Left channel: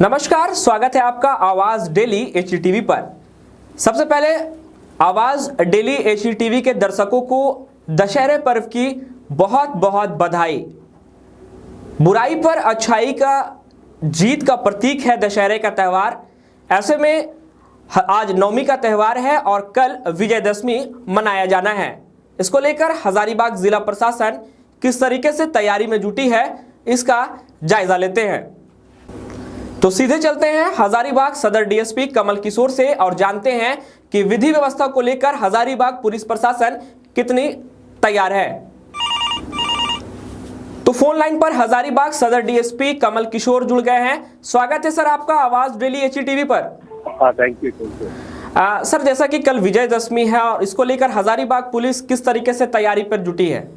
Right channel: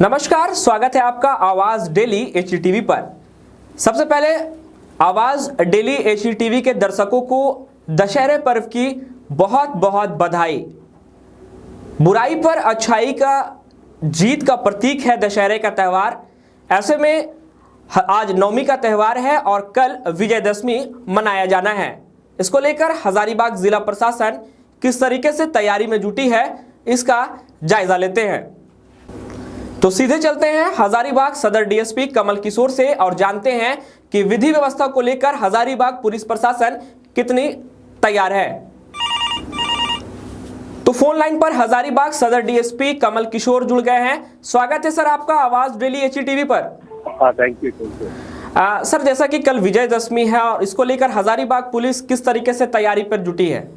नमस्कार, स्वागत है आपका आवाज डेली HTV पर। सबसे पहले आवाज डेली HTV के दर्शकों को दशहरे पर्व की बहुत बहुत बधाई। बुराई पर अच्छाई का जीत का प्रतीक है दशहरे का त्यौहार। ऐसे में आज नवमी का त्यौहार है और कल विजयदशमी मनाया जाना है। इसको लेकर हजारीबाग जिला प्रशासन किस तरीके से तैयारी में जुटी है, इसका जायजा लेते हैं। तो सीधे चलते हैं हजारीबाग सदर DSP कमल किशोर से और जानते हैं कि विधि व्यवस्था को लेकर हजारीबाग पुलिस प्रशासन कितनी तैयार है। तो फोन लाइन पर हजारीबाग सदर DSP कमल किशोर जुड़ गए हैं। स्वागत है सर आपका आवाज डेली HTV पर। हाँ, थैंक यू। सर, जैसा कि कल विजयदशमी है और इसको लेकर हजारीबाग पुलिस किस तरीके से तैयारी पर जुटी है?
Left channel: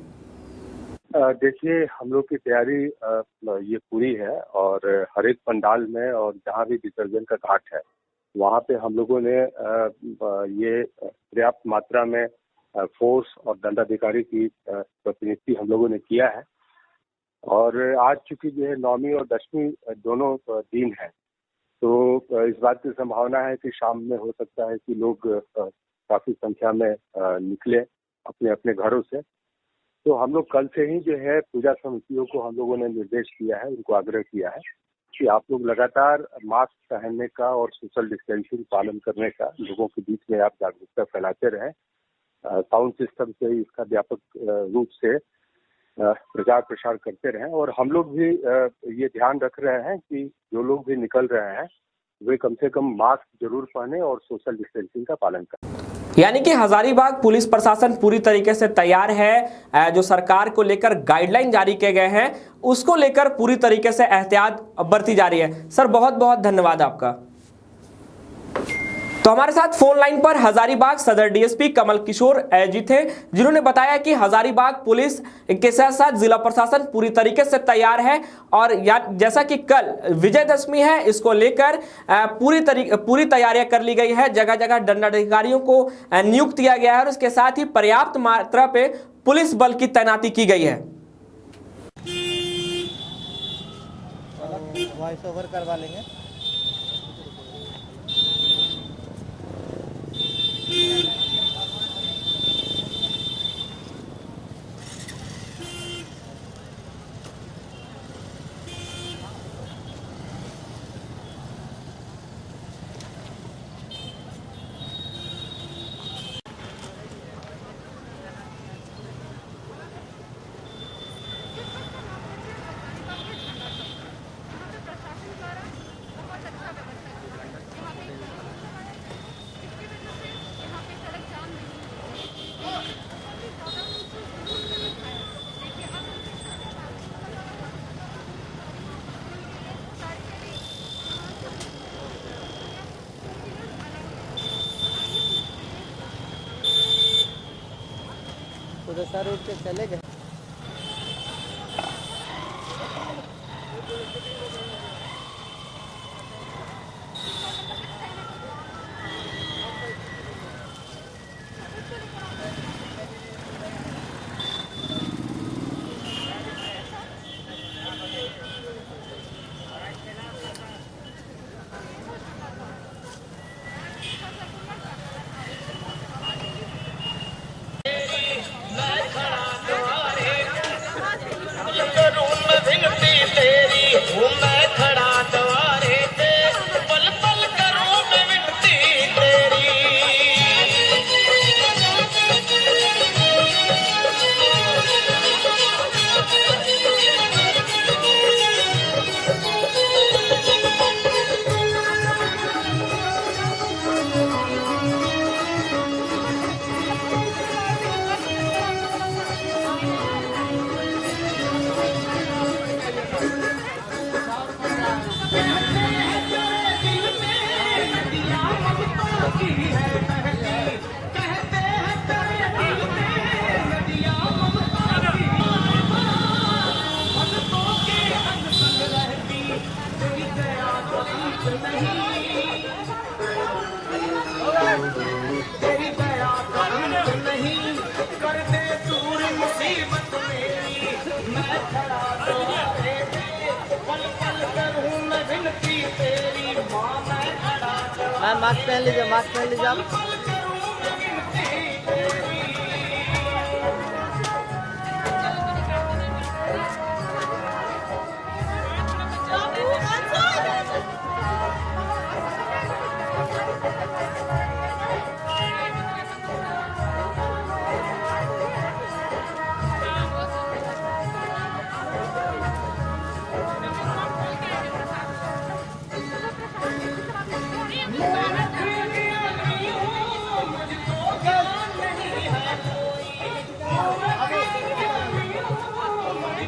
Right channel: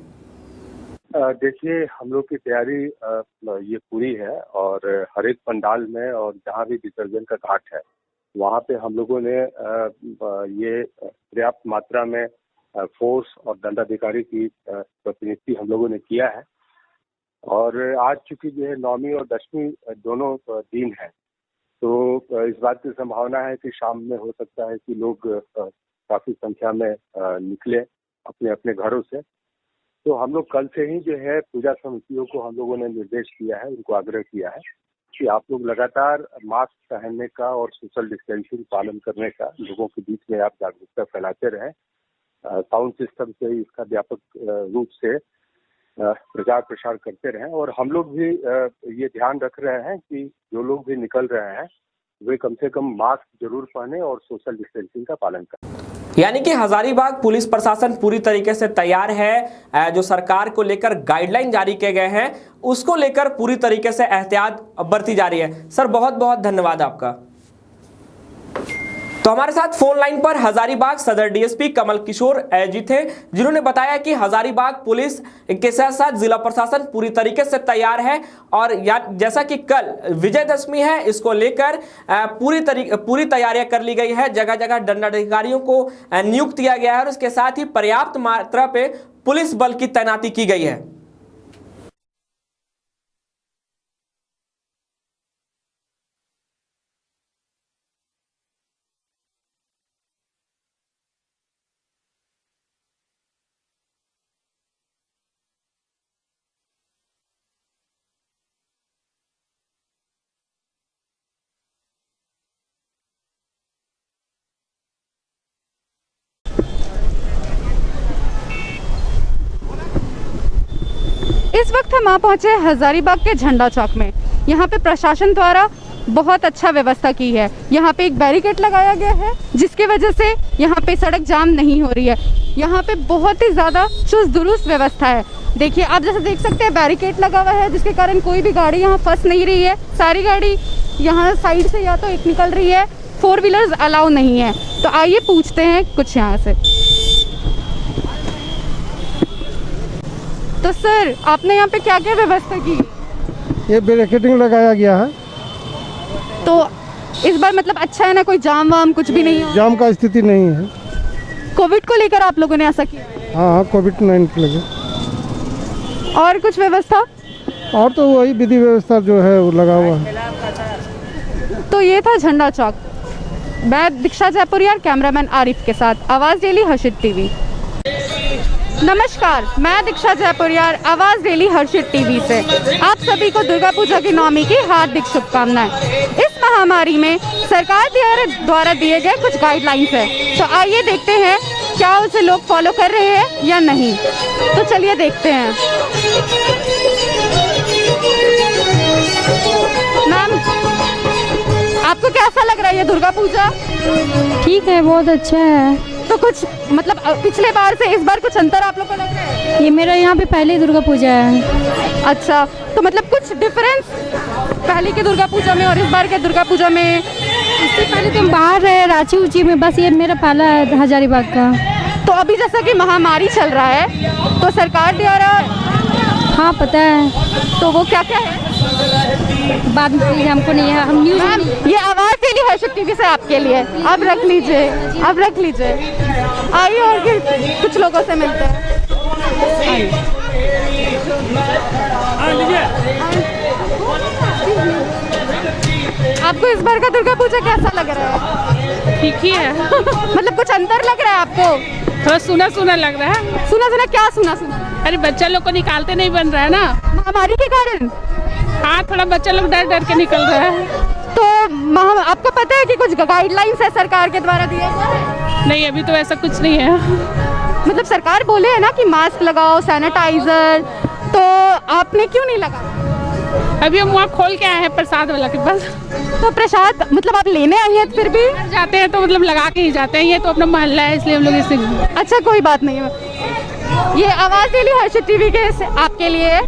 देखिए, हम लोग की तैयारी ये पूरी है और हर एक पंडाल में और जहाँ भी विसर्जन का घाट है वहाँ पे हम लोगों ने ये पर्याप्त मात्रा में फोर्स और दंडाधिकारी की प्रतिनियुक्ति हम लोगों ने किया है। और आज चूंकि जो है नवमी और दशमी दोनों दिन है, तो इस बात की संभावना है कि शाम में हो सकता है कि लोग काफी संख्या में निकले अपने अपने घरों से। तो हम लोग कल से ही जो है पूजा समितियों को हम लोगों ने निर्देश दिया है, उनको आग्रह किया है कि आप लोग लगातार मास्क पहनने का और सोशल डिस्टेंसिंग पालन करने का लोगों के बीच में आप जागरूकता फैलाते रहें। साउंड सिस्टम से इसका व्यापक रूप से प्रचार प्रसार करते रहें। और हम लोग भी ये ध्यान रख रहे हैं कि जो लोग भी निकल रहे हैं वे कम से कम मास्क जरूर पहने और सोशल डिस्टेंसिंग का पालन करें। यानी कि हजारीबाग पुलिस प्रशासन पूरी तरीके से तैयार है। जो सरकार को लेकर गाइडलाइन जारी किए गए हैं उसको लेकर पूरी तरीके से एहतियात बरती जा रही है। सर, बहुत बहुत धन्यवाद आपका। तो हमारे साथ फोन लाइन पर हजारीबाग सदर DSP कमल किशोर जी थे, जिन्होंने बताया कि हजारीबाग पुलिस के साथ साथ जिला प्रशासन पूरी तरीके से तैयार है और जैसा कि कल विजयदशमी है, इसको लेकर पूरी तैयारियां कर ली गई है। जगह जगह दंडाधिकारियों को नियुक्त किया गया है और इसके साथ ही पर्याप्त मात्रा पे पुलिस बल की तैनाती की गई है। वॉइस ओवर करवा लेंगे। इस वक्त हम आ पहुंचे हजारीबाग के झंडा चौक में। यहाँ पे प्रशासन द्वारा बहुत अच्छा व्यवस्था की है। यहाँ पे एक बैरिकेड लगाया गया है जिसकी वजह से यहाँ पे सड़क जाम नहीं हो रही है। यहाँ पे बहुत ही ज़्यादा चुस्त दुरुस्त व्यवस्था है। देखिए, आप जैसे देख सकते हैं बैरिकेड लगा हुआ है जिसके कारण कोई भी गाड़ी यहाँ फंस नहीं रही है। सारी गाड़ी यहाँ साइड से या तो एक निकल रही है, 4 व्हीलर्स अलाउ नहीं है। तो आइए पूछते हैं कुछ यहाँ से। तो सर, आपने यहाँ पे क्या क्या व्यवस्था की? ये बैरिकेडिंग लगाया गया है। तो इस बार मतलब अच्छा है ना, कोई जाम वाम कुछ भी नहीं है? जाम का स्थिति नहीं है। कोविड को लेकर आप लोगों ने ऐसा किया? हाँ, कोविड-19 को लेकर। और कुछ व्यवस्था? और तो वही विधि व्यवस्था जो है वो लगा हुआ है। तो ये था झंडा चौक। मैं दीक्षा जयपुरिया, कैमरामैन आरिफ के साथ आवाज़ डेली हर्षित TV। नमस्कार, मैं दीक्षा जयपुरिया, आवाज़ डेली हर्षित TV से आप सभी को दुर्गा पूजा की नवमी की हार्दिक शुभकामनाएं। इस महामारी में सरकार द्वारा दिए गए कुछ गाइडलाइंस है, तो आइए देखते हैं क्या उसे लोग फॉलो कर रहे हैं या नहीं। तो चलिए देखते हैं। मैम, आपको कैसा लग रहा है ये दुर्गा पूजा? ठीक है, बहुत अच्छा है। तो कुछ मतलब पिछले बार से इस बार कुछ अंतर आप लोग को लग रहा है? ये मेरा यहाँ पे पहली दुर्गा पूजा है। अच्छा, तो मतलब कुछ डिफरेंस पहले की दुर्गा पूजा में और इस बार के दुर्गा पूजा में? इससे पहले तो बाहर है रांची ऊंची में, बस ये मेरा पहला है हजारीबाग का। तो अभी जैसा कि महामारी चल रहा है तो सरकार द्वारा, हाँ पता है, तो वो क्या क्या है बाद में हमको नहीं है, हम न्यूज़ मैम, ये आवाज़ डेली हर्षित TV से आपके लिए। आप रख लीजिए, आप रख लीजिए। आइए और कुछ लोगों से मिलते हैं। आपको इस बार का दुर्गा पूजा कैसा लग रहा है? ठीक ही है। मतलब कुछ अंतर लग रहा है आपको? थोड़ा सुना सुना लग रहा है। सुना सुना क्या सुना सुना? अरे बच्चा लोग को निकालते नहीं बन रहा है ना। महामारी के कारण? हाँ, थोड़ा बच्चा लोग डर डर के निकल रहा है। तो आपको पता है कि कुछ गाइडलाइंस है सरकार के द्वारा दिए गए? नहीं, अभी तो ऐसा कुछ नहीं है। मतलब सरकार बोले है ना कि मास्क लगाओ, सैनिटाइजर, तो आपने क्यों नहीं लगाया? अभी हम वहाँ खोल के आए हैं प्रसाद वाला के पास। तो प्रसाद मतलब आप लेने आई हैं फिर भी? जाते हैं तो मतलब लगा के ही जाते हैं, ये तो अपना मोहल्ला है इसलिए हम लोग इसे। अच्छा, कोई बात नहीं है। ये आवाज डेली हर्षित टीवी के आपके लिए है।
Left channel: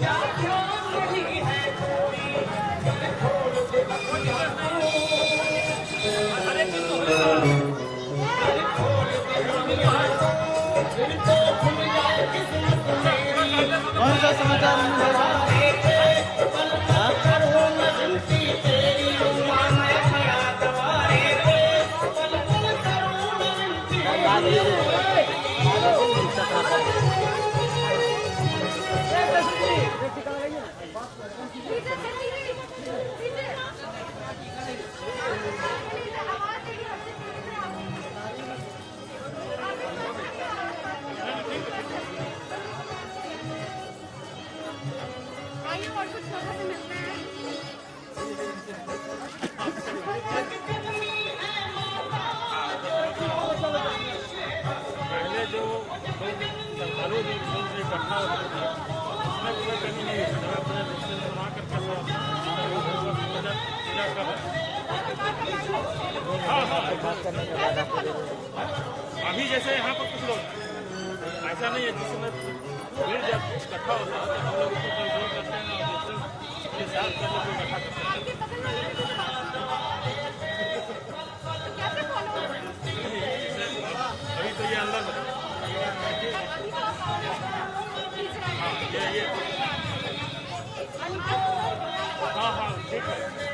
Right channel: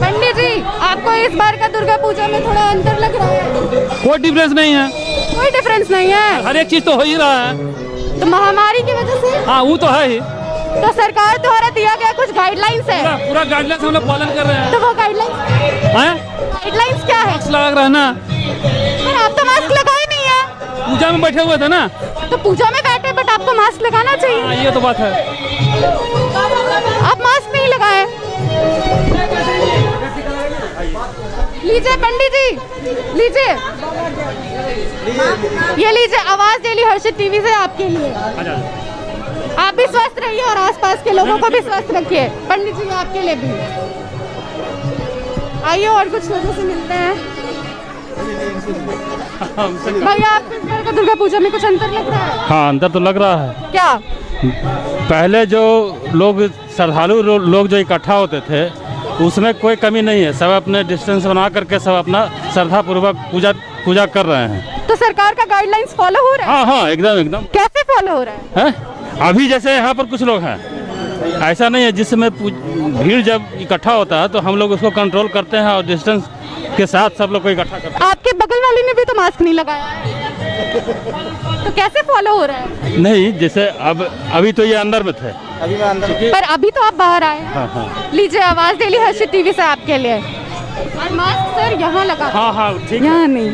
पंडित जी, आपको इस बार का दुर्गा पूजा में थोड़ा अंतर लग रहा है? कोई डिफरेंस नहीं है। कोई डिफरेंस नहीं है? हर एक चीज तो हो ही रहा है। तो महामारी की वजह से? हाँ, वो तो है ही। तो सरकार द्वारा दिया गया कुछ गाइडलाइंस है? पूरा गाइडलाइंस हम लोग पालन कर रहे हैं। तो वो गाइडलाइंस क्या है? मास्क लगा रहा है ना। पर आप तो मास्क लगाए नहीं है। पूजा में बैठे हुए थे ना। तो पूजा में बैठे, बट आपको मास्क लगाना चाहिए। ये तो बात है। आप मास्क नहीं लगाए। लीजिए पंडित जी, लीजिए, ये लीजिए आवाज डेली हर्षित टीवी से आपके लिए। आप भी स्वस्थ रहिए और आसपास के लोगों को भी स्वस्थ रखिए। पंडित जी, आपके लिए भी आइए और कुछ लोगों से मिलते हैं। भैया, आपको इस बार का दुर्गा पूजा में कुछ अंतर लग रहा है? हाँ, अंतर तो लग रहा है। क्या? पहले जो लोग श्रद्धालु लोग जो इकट्ठा होते थे उसमें कोई कमी नहीं है। सब अपने डिस्टेंस बना करके सब अपना श्रद्धा पूर्वक पूजा कर रहे हैं। तो सरकार का गाइडलाइंस फॉलो हो रहा है? हाँ हाँ, एकदम। कैसे फॉलो हो रहा है? अभी जैसे यहाँ पर कुछ लोग हैं, ऐसा नहीं है। जिसमें भीड़ जब इकट्ठा होता है तो हम लोग उसको कंट्रोल करते हैं और डिस्टेंस के साथ सब लोग को इकट्ठा करते हैं। आपके बगल वाले ने भी तो मास्क नहीं लगाया, तो कैसे फॉलो हो रहा है? नहीं, जैसे अभी तो ये अंदर में थे। पर अभी तो आप बाहर आए। हाँ। लीजिए, आवाज डेली हर्षित टीवी से आपके लिए। और मास्क सर यहाँ लगा। हाँ, ठीक है। यहाँ नहीं।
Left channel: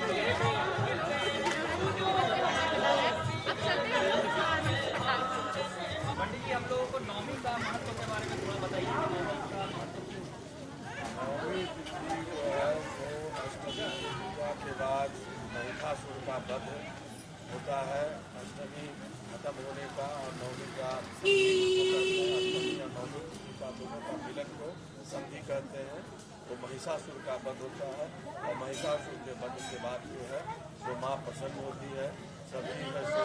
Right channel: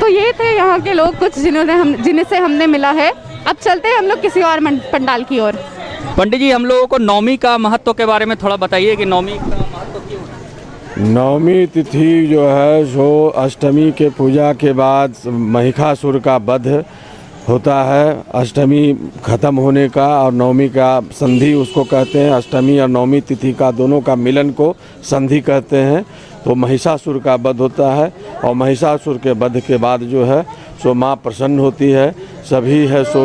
तो ये थे यहाँ के लोग कुछ जिनसे हमने मिला है। अब चलते हैं हम लोग किसी और पंडाल की ओर। पंडित जी, हम लोगों को नवमी का महत्व के बारे में थोड़ा बताइए कि नवमी का महत्व क्यों है? नवमी तिथि जो है सो अष्टमी के पूजा के बाद महिषासुर का वध होता है। अष्टमी खत्म होने का और नवमी का संधि उसको कहते हैं। अष्टमी और नवमी तिथि का दोनों का मिलन को संधि कहते हैं। तो महिषासुर का वध होता है और महिषासुर के वध के बाद जो है सो माँ प्रसन्न होती है। सभी है सो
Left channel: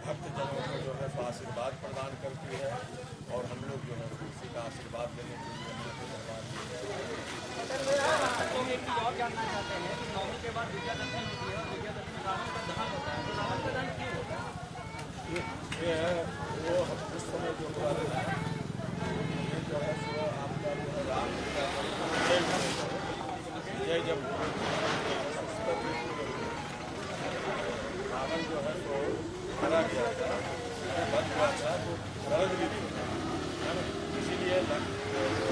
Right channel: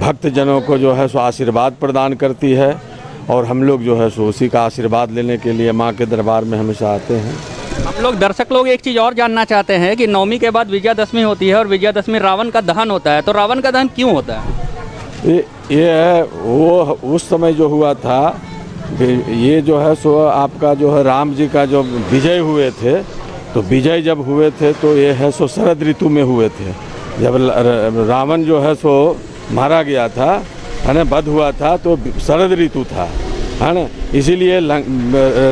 भक्तजनों को जो है सो आशीर्वाद प्रदान करती है और हम लोग जो है सो उसी का आशीर्वाद लेने के लिए माँ के दरबार में हमेशा आते हैं। हम लोग दर्शक लोग एक चीज़ और जानना चाहते हैं कि नवमी के बाद विजयादशमी होती है और विजयादशमी रावण का दहन होता है, तो रावण का दहन क्यों होता है? ये है वो उस समय जो हुआ था, ये जो है सो आपका जो है राम जी का जो विजय हुए थे, तो विजय जब हुए थे तो ये है सो शरद ऋतु में हुए थे। जब रावण जो है सो मारा गया था, है ना, वध हुआ था, तो शरद ऋतु था, है ना। इसीलिए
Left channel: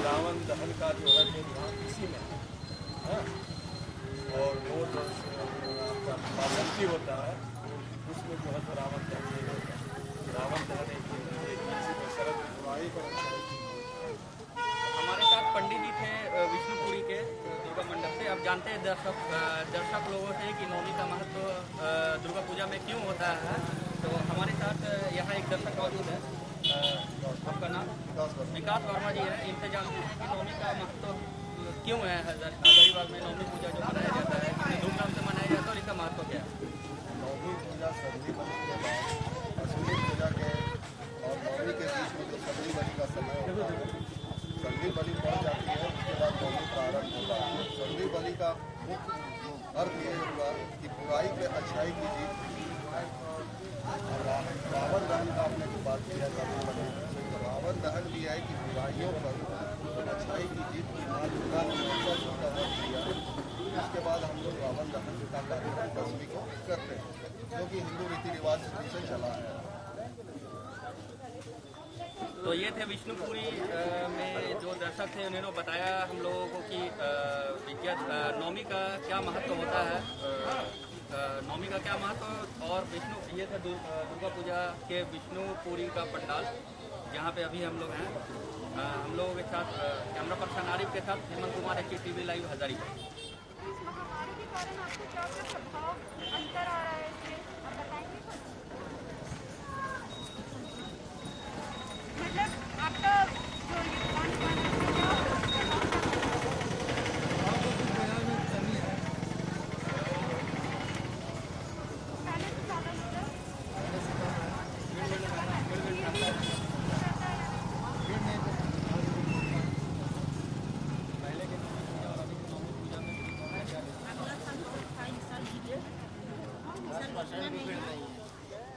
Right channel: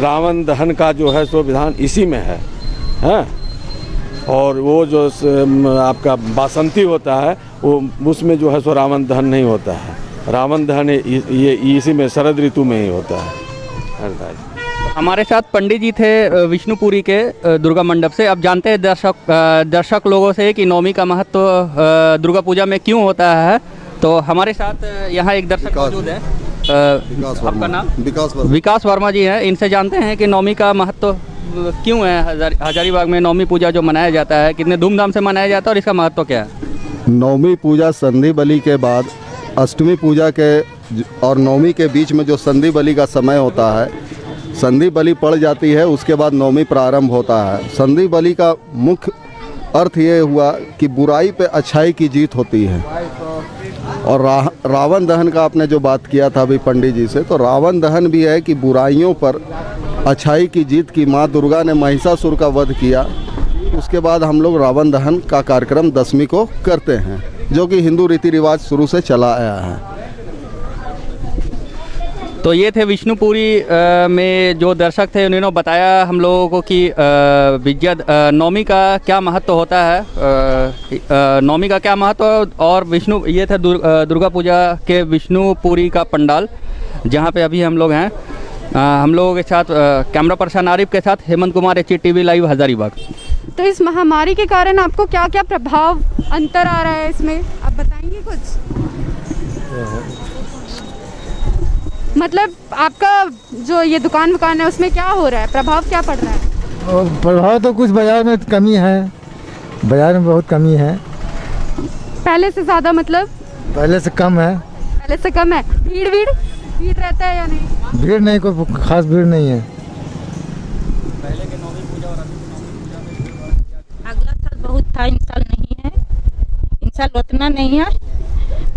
रावण दहन का जो है सो विधान इसी में है, हैं? और वो जो आपका बासंती होता है वो उसमें जो है सो रावण दहन नहीं होता है। रावण दहन ये इसी में शरद ऋतु में ही होता है। हमारे साथ पंडित जी थे विष्णुपुरी के दुर्गा मंडप से। अब जानते हैं दर्शक लोगों से कि नवमी का महत्व दुर्गा पूजा में क्यों होता है। तो हमारे साथ यहाँ एक दर्शक मौजूद है। आपका नाम? विकास वर्मा जी हैं। इनसे जानते हैं कि नवमी का महत्व क्यों है। हजारीबाग में नवमी पूजा जो मनाया जाता है, कितने धूमधाम से मनाया जाता है और इसका महत्व क्या है? नवमी पूजा संधि बलि के बाद अष्टमी पूजा के और नवमी के बीच में जो संधि बलि का समय होता है, संधि बलि पड़ जाती है, उसके बाद नवमी प्रारंभ होता है। संधि बलि का मुख्य अर्थ ये हुआ कि बुराई पे अच्छाई की जीत होती है। और रावण दहन का आपने जो बात किया था अभी पंडित जी से, तो रावण दहन भी है कि बुराइयों पर अच्छाई की जीत की। माँ दुर्गा ने महिषासुर का वध किया, उसके बाद हम लोग रावण दहन का कार्यक्रम दशमी को करते हैं, जो कि हिंदू रीति रिवाज शुरू से चला आया है। तो ये थे विष्णुपुरी में जो दर्शक थे, उन्होंने बताया हम लोगों को कि नवमी का क्या महत्व होता है, नवमी का क्या महत्व। और ये थे दुर्गा पूजा के विष्णुपुरी का पंडाल जहाँ पे अभी हम लोग हैं। हम लोगों के साथ कैमरा पर्सन आरिफ के साथ हेमंत कुमार, HTV लाइव, हजारीबाग। तो इस महामारी के कारण आपको क्या क्या प्रभाव अंतर आ रहा है इसमें, आप बताएंगे कुछ? मतलब आपका जो ये दुकान है उसमें क्या हो रहा है, प्रभाव क्या पड़ रहा है? और प्रभाव तो कुछ बाजार में कमी है, बाजार में बहुत कमी है। पहले से ज़्यादा मतलब? पहले से कम है। पहले से कम है। भीड़ रहता है या नहीं? भीड़ नहीं, कोई खास भीड़ नहीं है। अगला साल बहुत था, इन साल नहीं है। इन साल उतना नहीं है।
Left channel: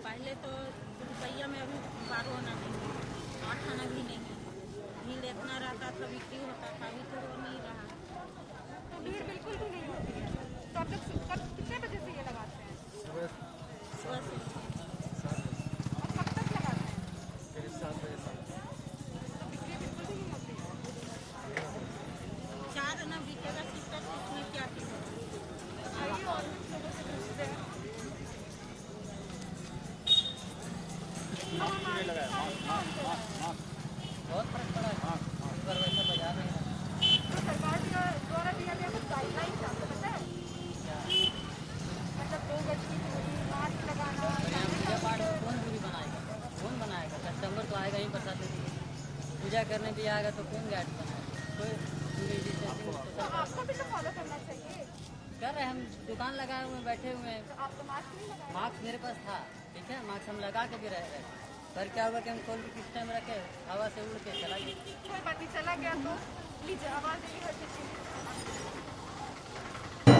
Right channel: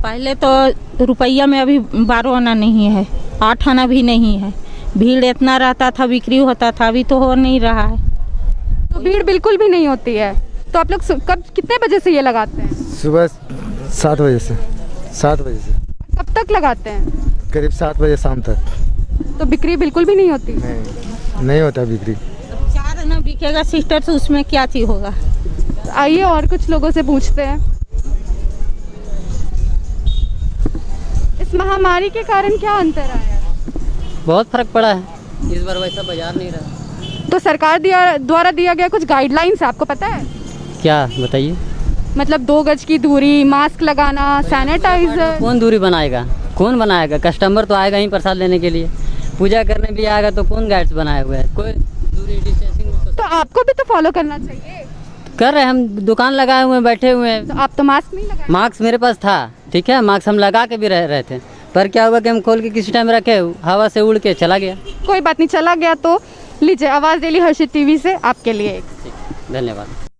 पहले तो रुपया में अभी 12 आना नहीं है, 8 आना भी नहीं है। भीड़ इतना रहता था, बिक्री होता था, अभी तो हो नहीं रहा है। तो भीड़ बिल्कुल भी नहीं होती है। तो आप लोग कब कितने बजे से ये लगाते हैं? सुबह 7 बजे से। 7 बजे से कब तक लगाते हैं? करीब 7 बजे शाम तक। तो बिक्री बिल्कुल भी नहीं होती? नहीं होता बिक्री। 4 आना बिकेगा सिस्टर, तो उसमें क्या चीज़ होगा? आइए और कुछ लोगों से पूछते हैं। इस महामारी के कारण क्या अंतर आया है? बहुत फर्क पड़ा है, इस बार वैसा बाजार नहीं रहा। तो सरकार द्वारा दिया गया कुछ गाइडलाइंस है, आपको पता है? क्या बताइए? मतलब 2 गज की दूरी, मास्क लगाना, सैनिटाइजर। कौन दूरी बनाएगा, कौन बनाएगा? कस्टमर तो आएगा ही प्रसाद लेने के लिए, पूजा करने भी आएगा, तो कौन गाइड्स बनाए हुए हैं? कोई दूरी डिस्टेंसिंग। तो आपको भी तो फॉलो करना चाहिए। कर रहे हैं, हम दुकान लगाए हुए हैं, बैठे हुए हैं। तो आप तो मास्क नहीं लगाए? मास्क मेरे पास था, ठीक है, मास्क हम लगा के भी रहे थे, पर क्या हुआ कि हम खोल के किसी टाइम रखे, हवा से उड़ के चला गया। कोई बात नहीं, चला गया तो लीजिए, आवाज़ डेली हर्षित टीवी से आपके लिए। धन्यवाद।